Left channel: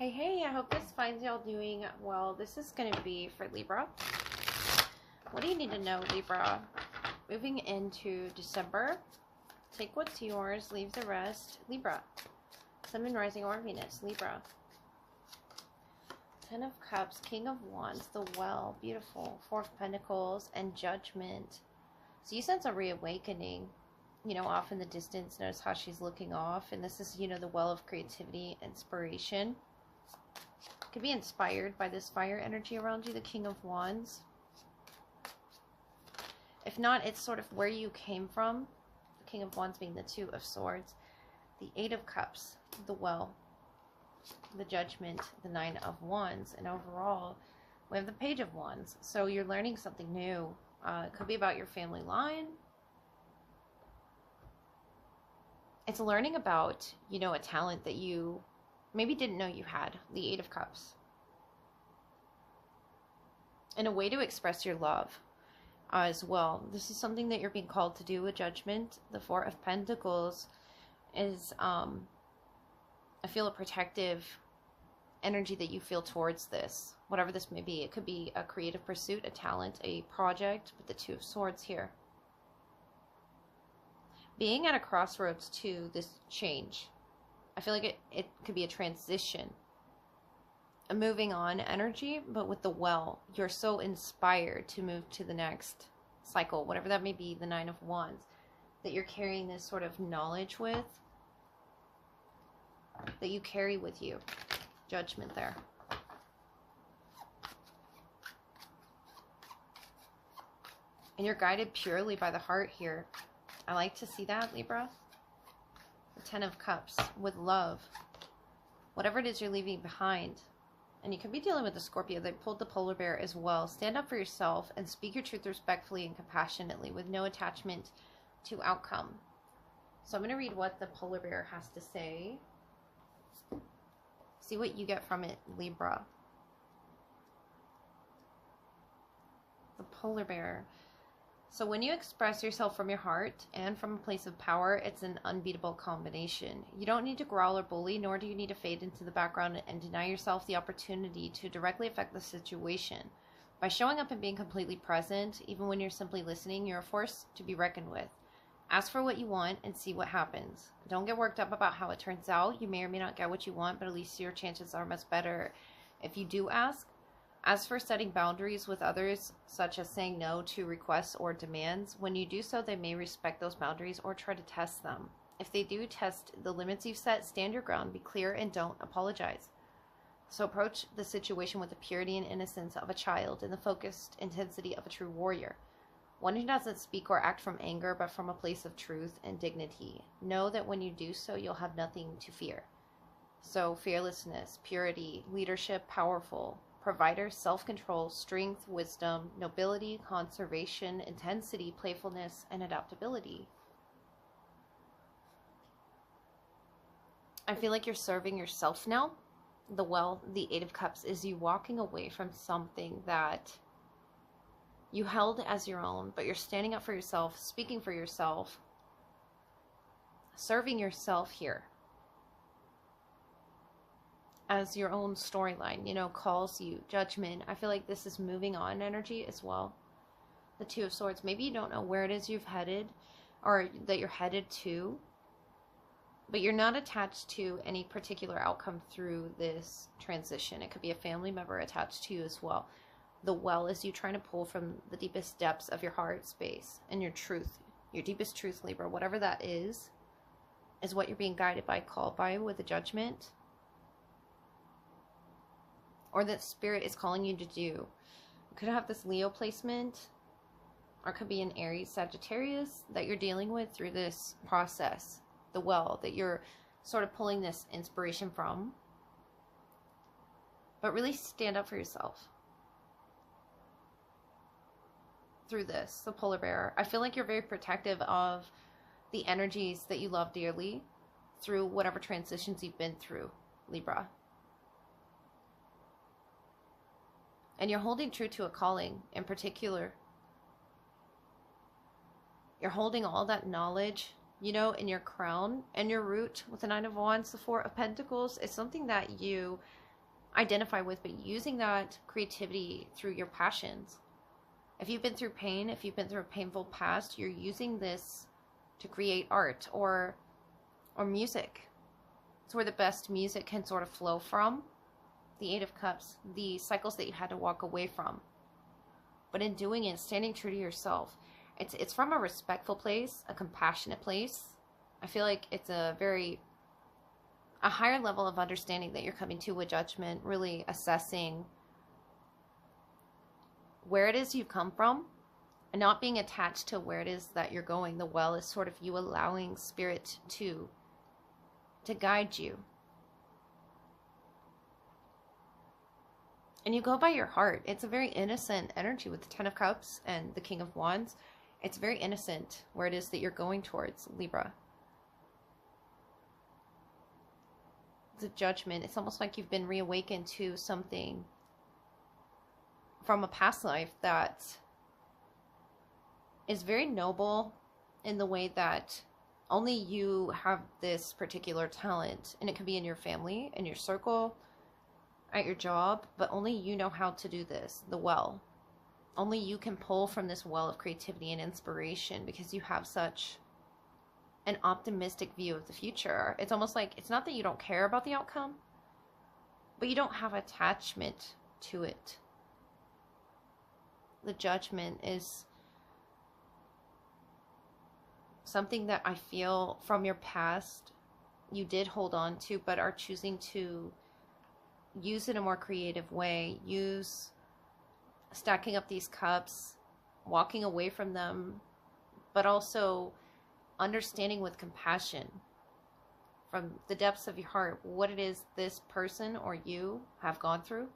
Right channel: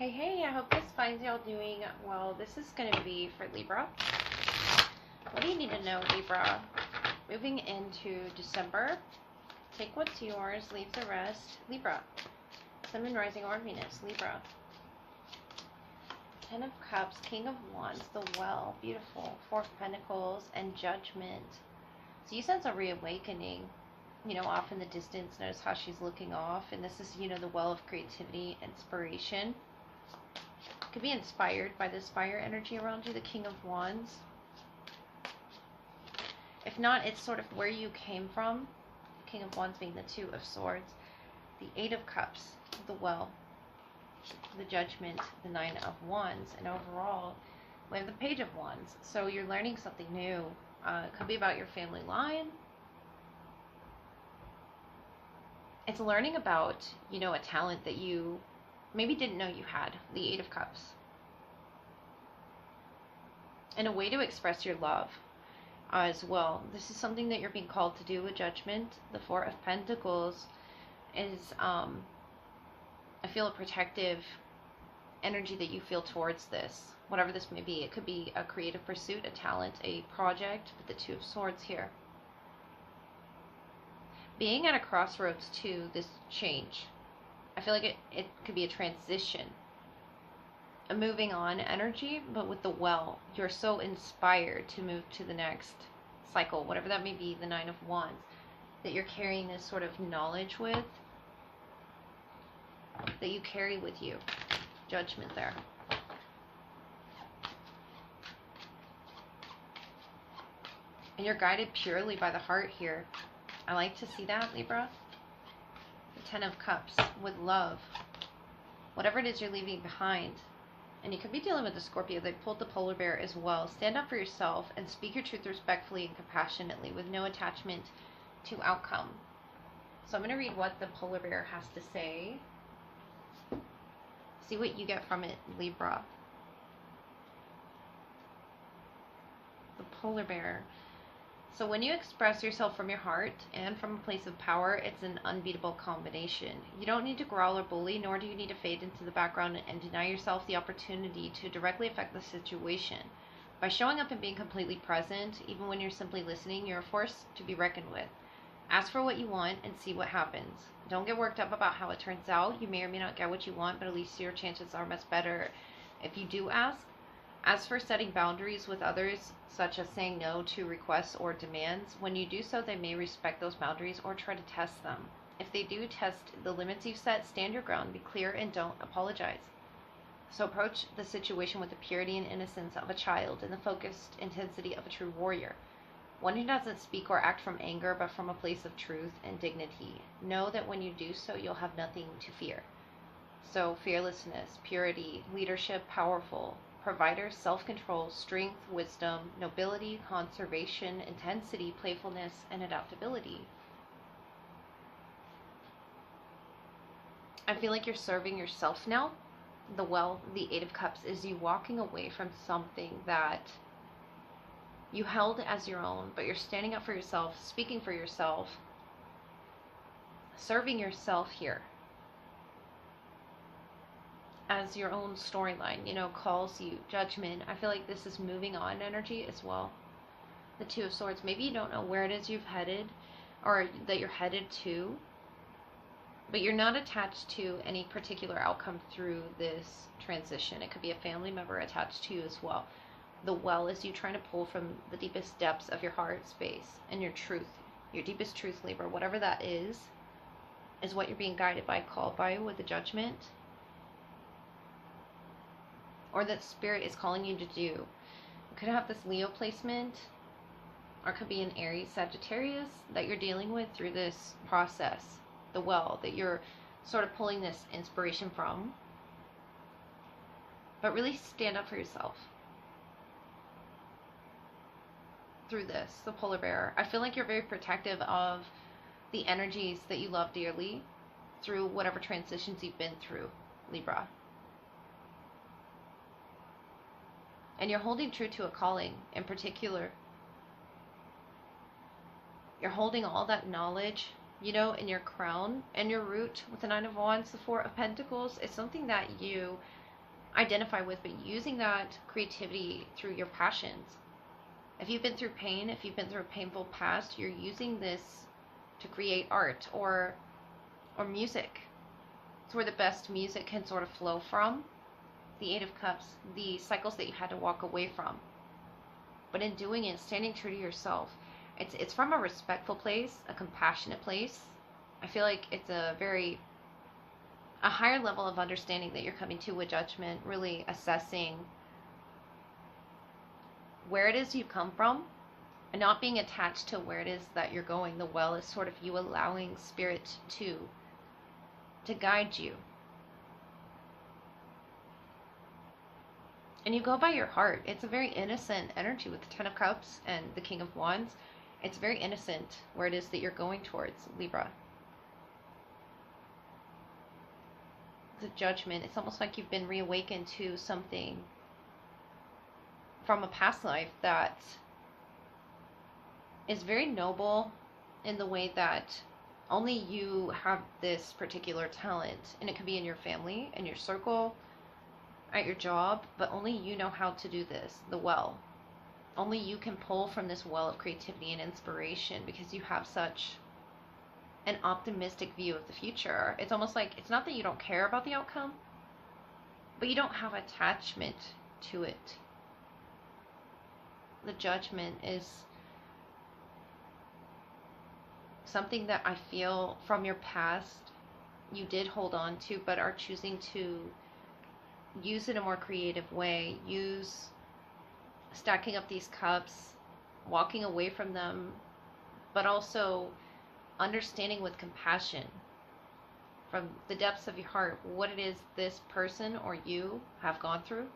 Hey, I hope this finds y'all doing well. This is going to be for Libra. What do you need to know, Libra? Moving into December, take what's yours, leave the rest. Libra, Sun, Moon, Rising, or Venus, Libra. Ten of Cups, King of Wands, the Well, beautiful. Four of Pentacles, and Judgment. So you sense a reawakening, off in the distance. Notice how she's looking off. And this is, the well of creativity, inspiration. Could be inspired by this fire energy around you, the King of Wands. If not, it's sort of where you came from. The King of Wands being the Two of Swords. The Eight of Cups, the Well. The Judgment, the Nine of Wands. And overall, we have the Page of Wands. So you're learning something new. It could be about your family line. It's learning about, a talent that you maybe didn't know you had, the Eight of Cups. And a way to express your love as well. This is something that you're being called to do with Judgment. The Four of Pentacles is, I feel a protective energy that you feel towards this. Whatever this may be. It could be a creative pursuit, a talent, a project, with the Two of Swords here. Being at a crossroads to this change. I feel like it could be a transition, a moving on energy, but with the Well, you're so inspired to move to the next cycle, whatever that may be, the Nine of Wands, that you're carrying this sort of knowledge with, that you carry with you. Judgment there. And you're guided purely by the heart here. I like to see that, Libra. The Ten of Cups, with love. Whatever it is you're leaving behind. And you could be dealing with the Scorpio. They pulled the polar bear as well. Stand up for yourself and speak your truth respectfully and compassionately with no attachment to outcome. So I'm going to read what the polar bear has to say. See what you get from it, Libra. The polar bear. So when you express yourself from your heart and from a place of power, it's an unbeatable combination. You don't need to growl or bully, nor do you need to fade into the background and deny yourself the opportunity to directly affect the situation. By showing up and being completely present, even when you're simply listening, you're a force to be reckoned with. Ask for what you want and see what happens. Don't get worked up about how it turns out. You may or may not get what you want, but at least your chances are much better if you do ask. As for setting boundaries with others, such as saying no to requests or demands, when you do so, they may respect those boundaries or try to test them. If they do test the limits you've set, stand your ground, be clear, and don't apologize. So approach the situation with the purity and innocence of a child and the focused intensity of a true warrior. One who doesn't speak or act from anger, but from a place of truth and dignity. Know that when you do so, you'll have nothing to fear. So fearlessness, purity, leadership, powerful. Provider, self-control, strength, wisdom, nobility, conservation, intensity, playfulness, and adaptability. I feel like you're serving yourself now. The Eight of Cups is you walking away from something that you held as your own, but you're standing up for yourself, speaking for yourself, serving yourself here. As your own storyline, calls you. Judgment. I feel like this is moving on energy as well. The Two of Swords. Maybe you don't know where it is you've headed or that you're headed to, but you're not attached to any particular outcome through this transition. It could be a family member attached to you as well. The Well is you trying to pull from the deepest depths of your heart space and your truth, your deepest truth, Libra. Whatever that is what you're being guided by, called by with the Judgment. Or that spirit is calling you to do. You could have this Leo placement, or it could be an Aries, Sagittarius that you're dealing with through this process. The Well, that you're sort of pulling this inspiration from. But really stand up for yourself through this, the polar bear. I feel like you're very protective of the energies that you love dearly through whatever transitions you've been through, Libra. And you're holding true to a calling in particular. You're holding all that knowledge, in your crown and your root with the Nine of Wands, the Four of Pentacles. It's something that you identify with, but using that creativity through your passions. If you've been through pain, if you've been through a painful past, you're using this to create art or music. It's where the best music can sort of flow from. The Eight of Cups, the cycles that you had to walk away from. But in doing it, standing true to yourself, it's from a respectful place, a compassionate place. I feel like it's a higher level of understanding that you're coming to with judgment, really assessing where it is you've come from and not being attached to where it is that you're going. The well is sort of you allowing spirit to guide you. And you go by your heart. It's a very innocent energy with the Ten of Cups and the King of Wands. It's very innocent where it is that you're going towards, Libra. The Judgment. It's almost like you've been reawakened to something from a past life that is very noble in the way that only you have this particular talent, and it could be in your family, in your circle, at your job, but only you know how to do this, the well. Only you can pull from this well of creativity and inspiration because you have such an optimistic view of the future. It's almost like, it's not that you don't care about the outcome, but you don't have attachment to it. The Judgment is something that I feel from your past you did hold on to, but are choosing to use it in a more creative way. Use stacking up these cups, walking away from them, but also understanding with compassion from the depths of your heart what it is this person or you have gone through.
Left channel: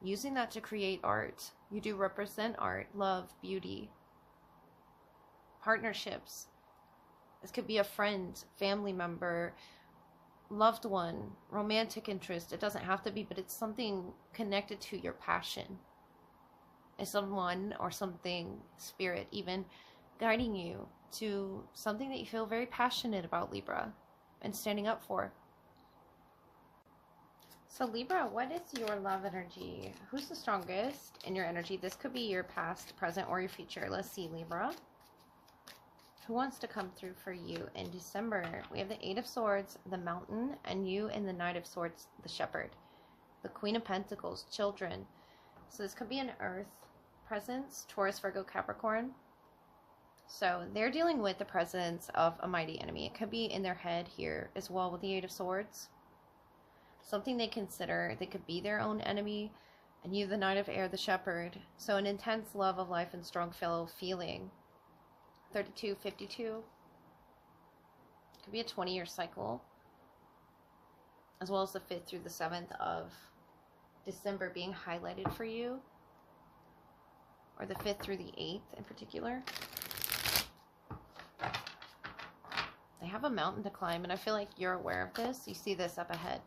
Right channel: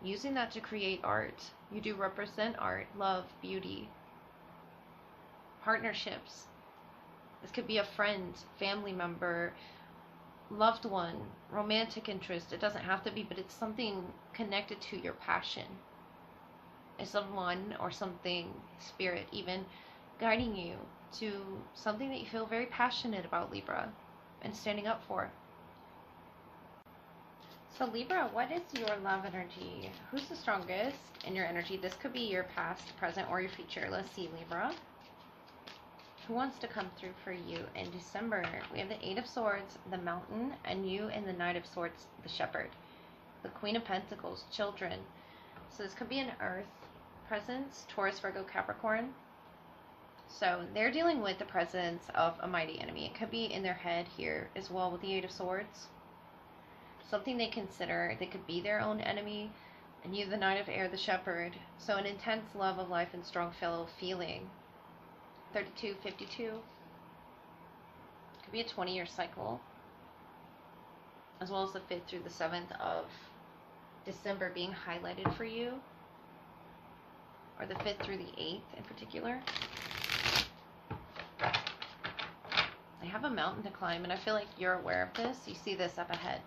Using that to create art. You do represent art, love, beauty, partnerships. This could be a friend, family member, loved one, romantic interest. It doesn't have to be, but it's something connected to your passion. It's someone or something, spirit even, guiding you to something that you feel very passionate about, Libra, and standing up for. So Libra, what is your love energy? Who's the strongest in your energy? This could be your past, present, or your future. Let's see, Libra. Who wants to come through for you in December? We have the Eight of Swords, the Mountain, and you in the Knight of Swords, the Shepherd. The Queen of Pentacles, children. So this could be an Earth presence, Taurus, Virgo, Capricorn. So they're dealing with the presence of a mighty enemy. It could be in their head here as well with the Eight of Swords. Something they consider, they could be their own enemy. And you, the Knight of Air, the Shepherd. So an intense love of life and strong fellow feeling. 32, 52. Could be a 20-year cycle. As well as the 5th through the 7th of December being highlighted for you. Or the 5th through the 8th in particular. They have a mountain to climb, and I feel like you're aware of this. You see this up ahead.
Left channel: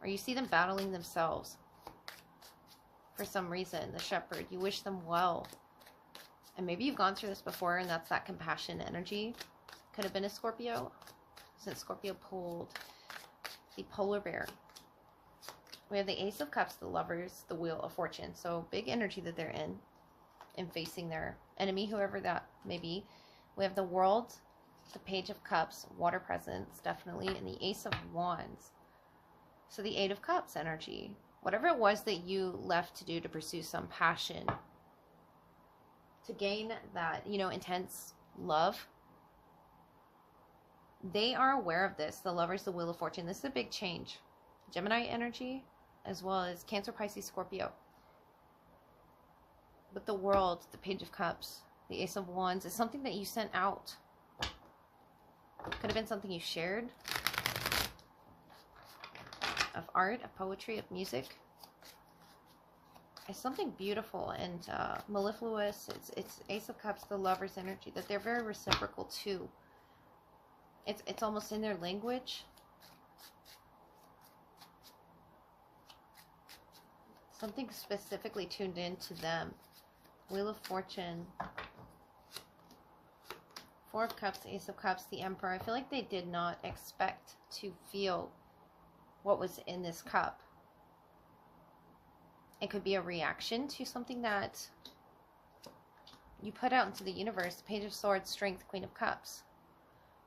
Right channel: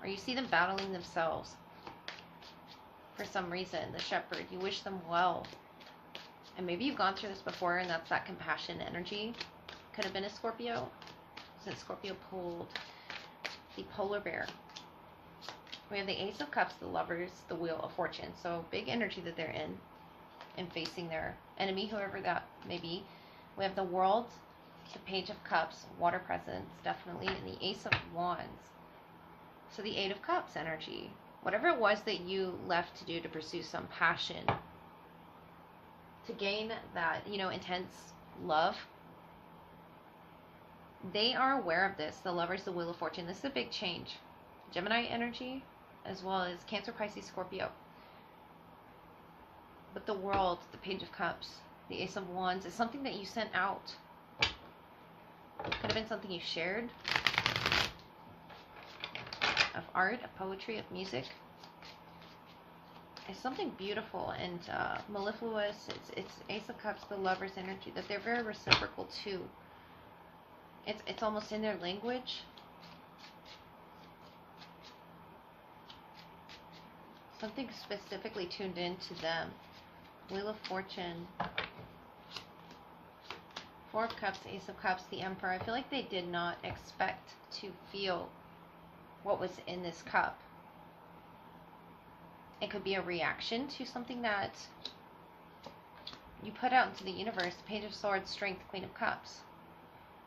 Or you see them battling themselves. For some reason, the Shepherd, you wish them well. And maybe you've gone through this before, and that's that compassion energy. Could have been a Scorpio, since Scorpio pulled the Polar Bear. We have the Ace of Cups, the Lovers, the Wheel of Fortune. So big energy that they're in facing their enemy, whoever that may be. We have the World, the Page of Cups, Water presence, definitely, and the Ace of Wands. So the Eight of Cups energy. Whatever it was that you left to do to pursue some passion, to gain that, intense love, they are aware of this. The Lovers, the Wheel of Fortune. This is a big change. Gemini energy, as well as Cancer, Pisces, Scorpio. But the World, the Page of Cups, the Ace of Wands is something that you sent out. Could have been something you shared. Of art, of poetry, of music. It's something beautiful and mellifluous. It's Ace of Cups, the Lover's energy, that they're very reciprocal too. It's almost in their language. Something specifically tuned in to them. Wheel of Fortune. Four of Cups, Ace of Cups, the Emperor. I feel like they did not expect to feel what was in this cup. It could be a reaction to something that you put out into the universe. Page of Swords, Strength, Queen of Cups.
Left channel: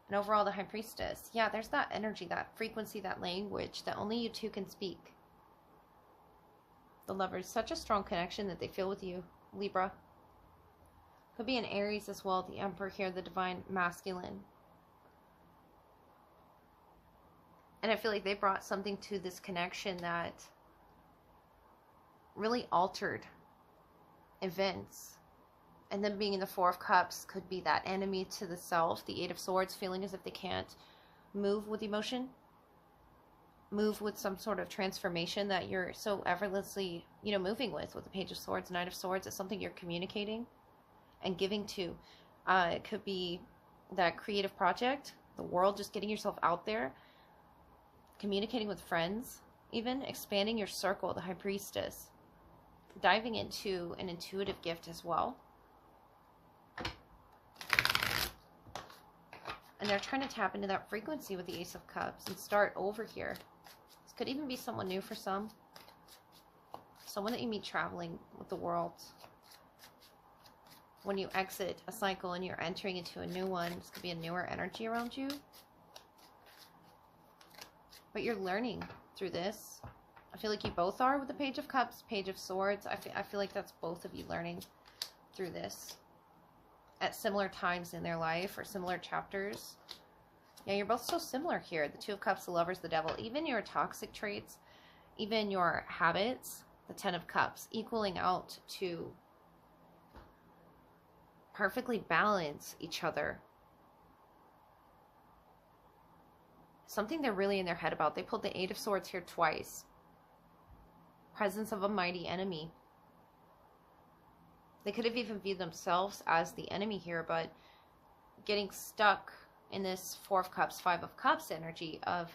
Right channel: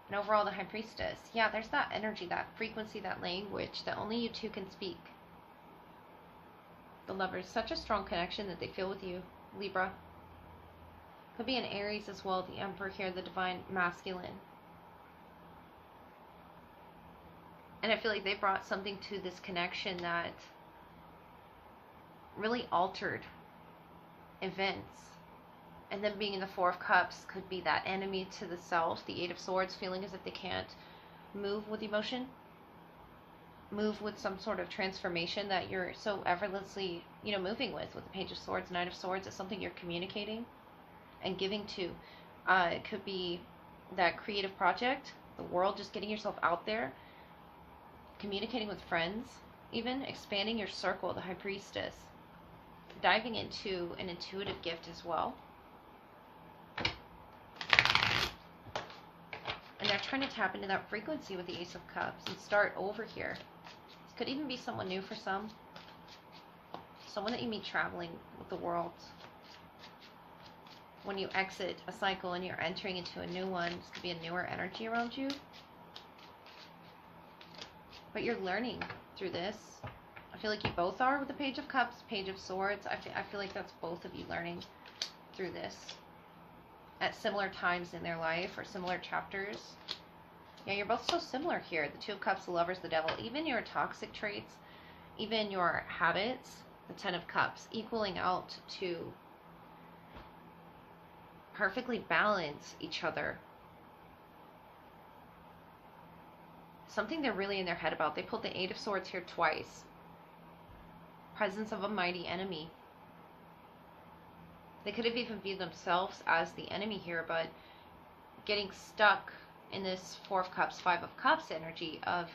And overall, the High Priestess. Yeah, there's that energy, that frequency, that language that only you two can speak. The Lovers, such a strong connection that they feel with you, Libra. Could be an Aries as well, the Emperor here, the Divine Masculine. And I feel like they brought something to this connection that really altered events. And then being in the Four of Cups could be that enemy to the self, the Eight of Swords, feeling as if they can't move with emotion, move with some sort of transformation that you're so effortlessly, moving with the Page of Swords, Knight of Swords. It's something you're communicating and giving to. It could be that creative project, the world, just getting yourself out there, communicating with friends, even expanding your circle, the High Priestess, diving into an intuitive gift as well. And they're trying to tap into that frequency with the Ace of Cups and start over here. This could even be someone new for some. Someone that you meet traveling with the world. When you exit a cycle and you're entering into a new one, this could be a newer energy around you. But you're learning through this. I feel like you both are with the Page of Cups, Page of Swords. I feel like that's both of you learning through this at similar times in their life or similar chapters. Yeah, you're both so similar here. The Two of Cups, the Lovers, the Devil. Even your toxic traits, even your habits, the Ten of Cups, equaling out to perfectly balance each other. Something they're really in their head about. They pulled the Eight of Swords here twice. Presence of a mighty enemy. They could have even viewed themselves as the enemy here, but getting stuck in this Four of Cups, Five of Cups energy of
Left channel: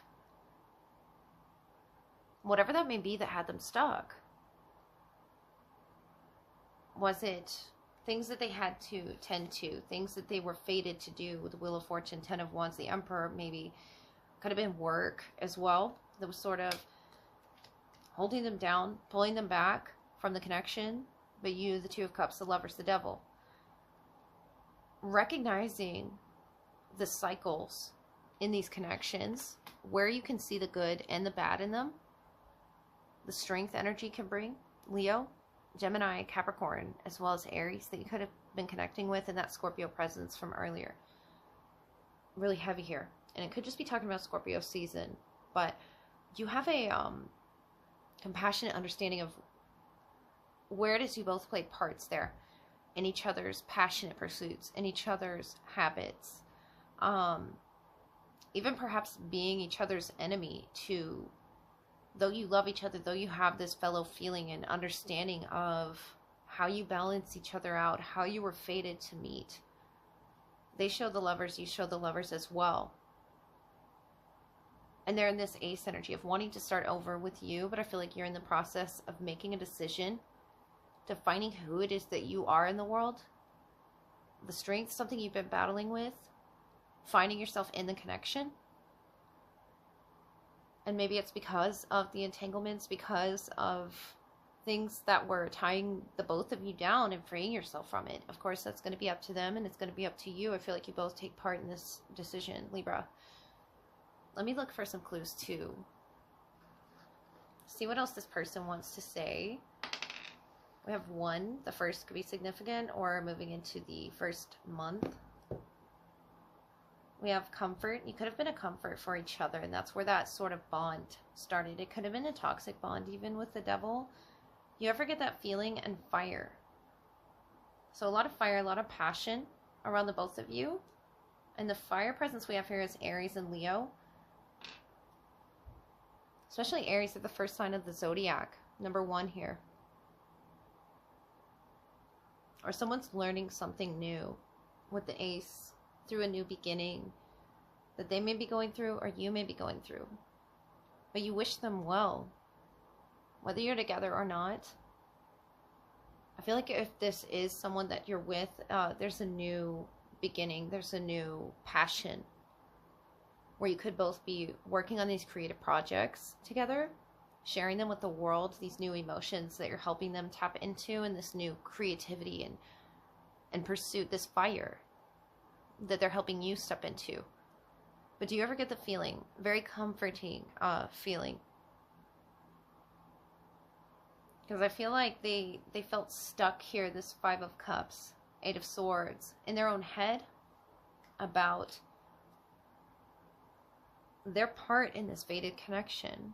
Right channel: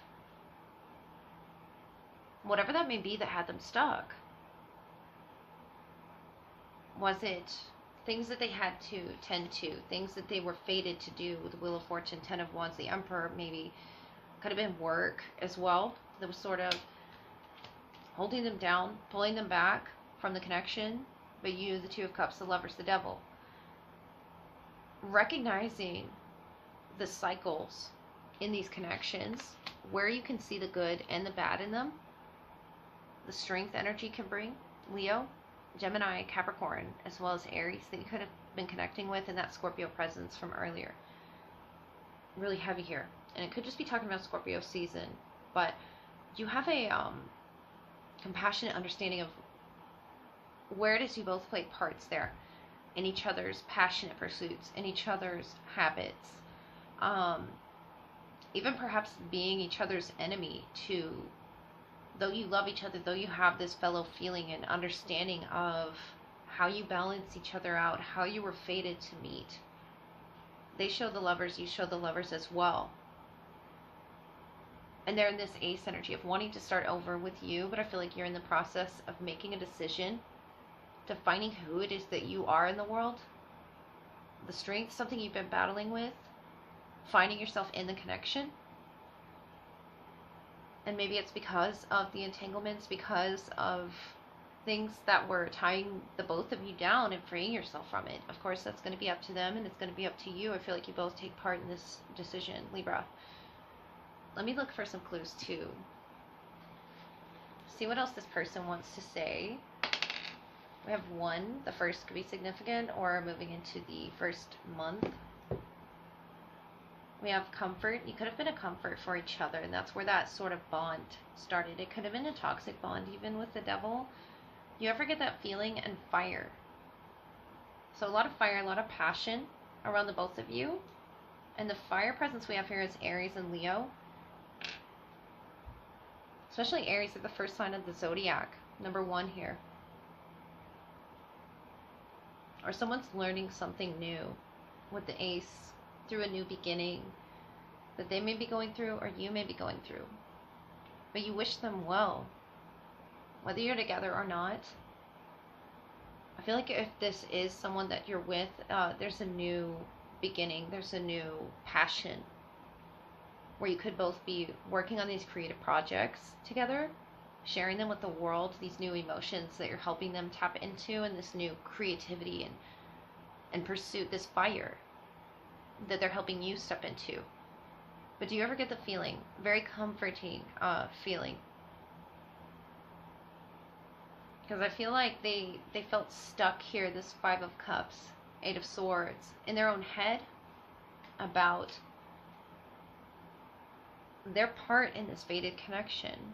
whatever that may be that had them stuck. Was it things that they had to tend to, things that they were fated to do with the Wheel of Fortune, Ten of Wands, the Emperor, maybe could have been work as well that was sort of holding them down, pulling them back from the connection. But you, the Two of Cups, the Lovers, the Devil, recognizing the cycles in these connections, where you can see the good and the bad in them, the strength energy can bring, Leo, Gemini, Capricorn, as well as Aries that you could have been connecting with, and that Scorpio presence from earlier. Really heavy here. And it could just be talking about Scorpio season, but you have a compassionate understanding of where it is you both play parts there in each other's passionate pursuits, in each other's habits, even perhaps being each other's enemy to, though you love each other, though you have this fellow feeling and understanding of how you balance each other out, how you were fated to meet. They show the Lovers, you show the Lovers as well. And they're in this Ace energy of wanting to start over with you, but I feel like you're in the process of making a decision, defining who it is that you are in the world, the strength, something you've been battling with, finding yourself in the connection. And maybe it's because of the entanglements, because of things that were tying the both of you down and freeing yourself from it. Of course, that's going to be up to them, and it's going to be up to you. I feel like you both take part in this decision, Libra. Let me look for some clues too. See what else this person wants to say. We have one. The first could be significant, or moving into the first month. We have comfort. You could have been a comfort for each other, and that's where that sort of bond started. It could have been a toxic bond, even with the Devil. You ever get that feeling? And fire. So a lot of fire, a lot of passion around the both of you. And the fire presence we have here is Aries and Leo. Especially Aries, are the first sign of the zodiac. Number 1 here. Or someone's learning something new with the Ace through a new beginning that they may be going through, or you may be going through. But you wish them well, whether you're together or not. I feel like if this is someone that you're with, there's a new beginning, there's a new passion where you could both be working on these creative projects together, sharing them with the world, these new emotions that you're helping them tap into, and this new creativity and pursuit, this fire that they're helping you step into. But do you ever get the feeling, very comforting feeling? Because I feel like they felt stuck here, this Five of Cups, Eight of Swords, in their own head about their part in this fated connection.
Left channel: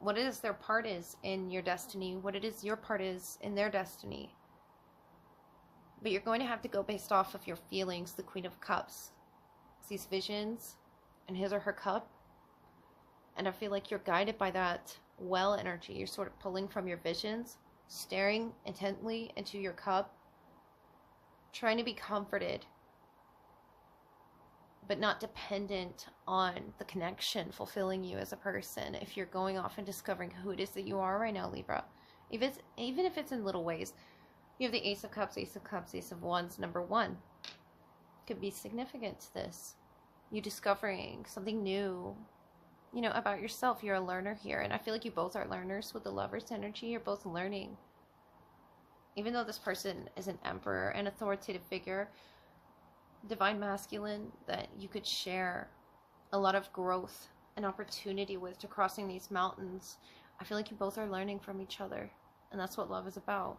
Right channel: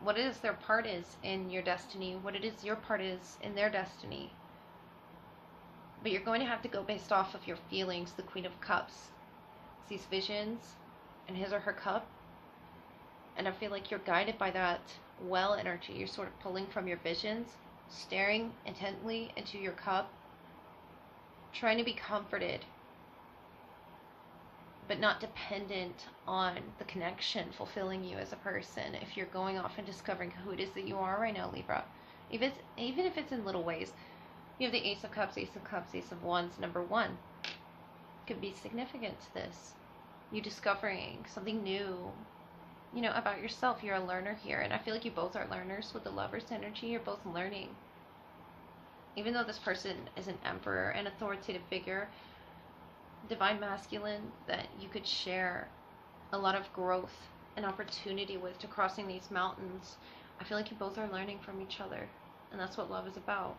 What it is their part is in your destiny, what it is your part is in their destiny. But you're going to have to go based off of your feelings. The Queen of Cups sees visions in his or her cup, and I feel like you're guided by that well energy. You're sort of pulling from your visions, staring intently into your cup, trying to be comforted, but not dependent on the connection fulfilling you as a person. If you're going off and discovering who it is that you are right now, Libra, even if it's in little ways, you have the Ace of Cups, Ace of Cups, Ace of Wands, number 1. Could be significant to this. You discovering something new, you know, about yourself. You're a learner here, and I feel like you both are learners with the Lover's energy. You're both learning. Even though this person is an emperor, an authoritative figure, divine masculine, that you could share a lot of growth and opportunity with to crossing these mountains, I feel like you both are learning from each other, and that's what love is about.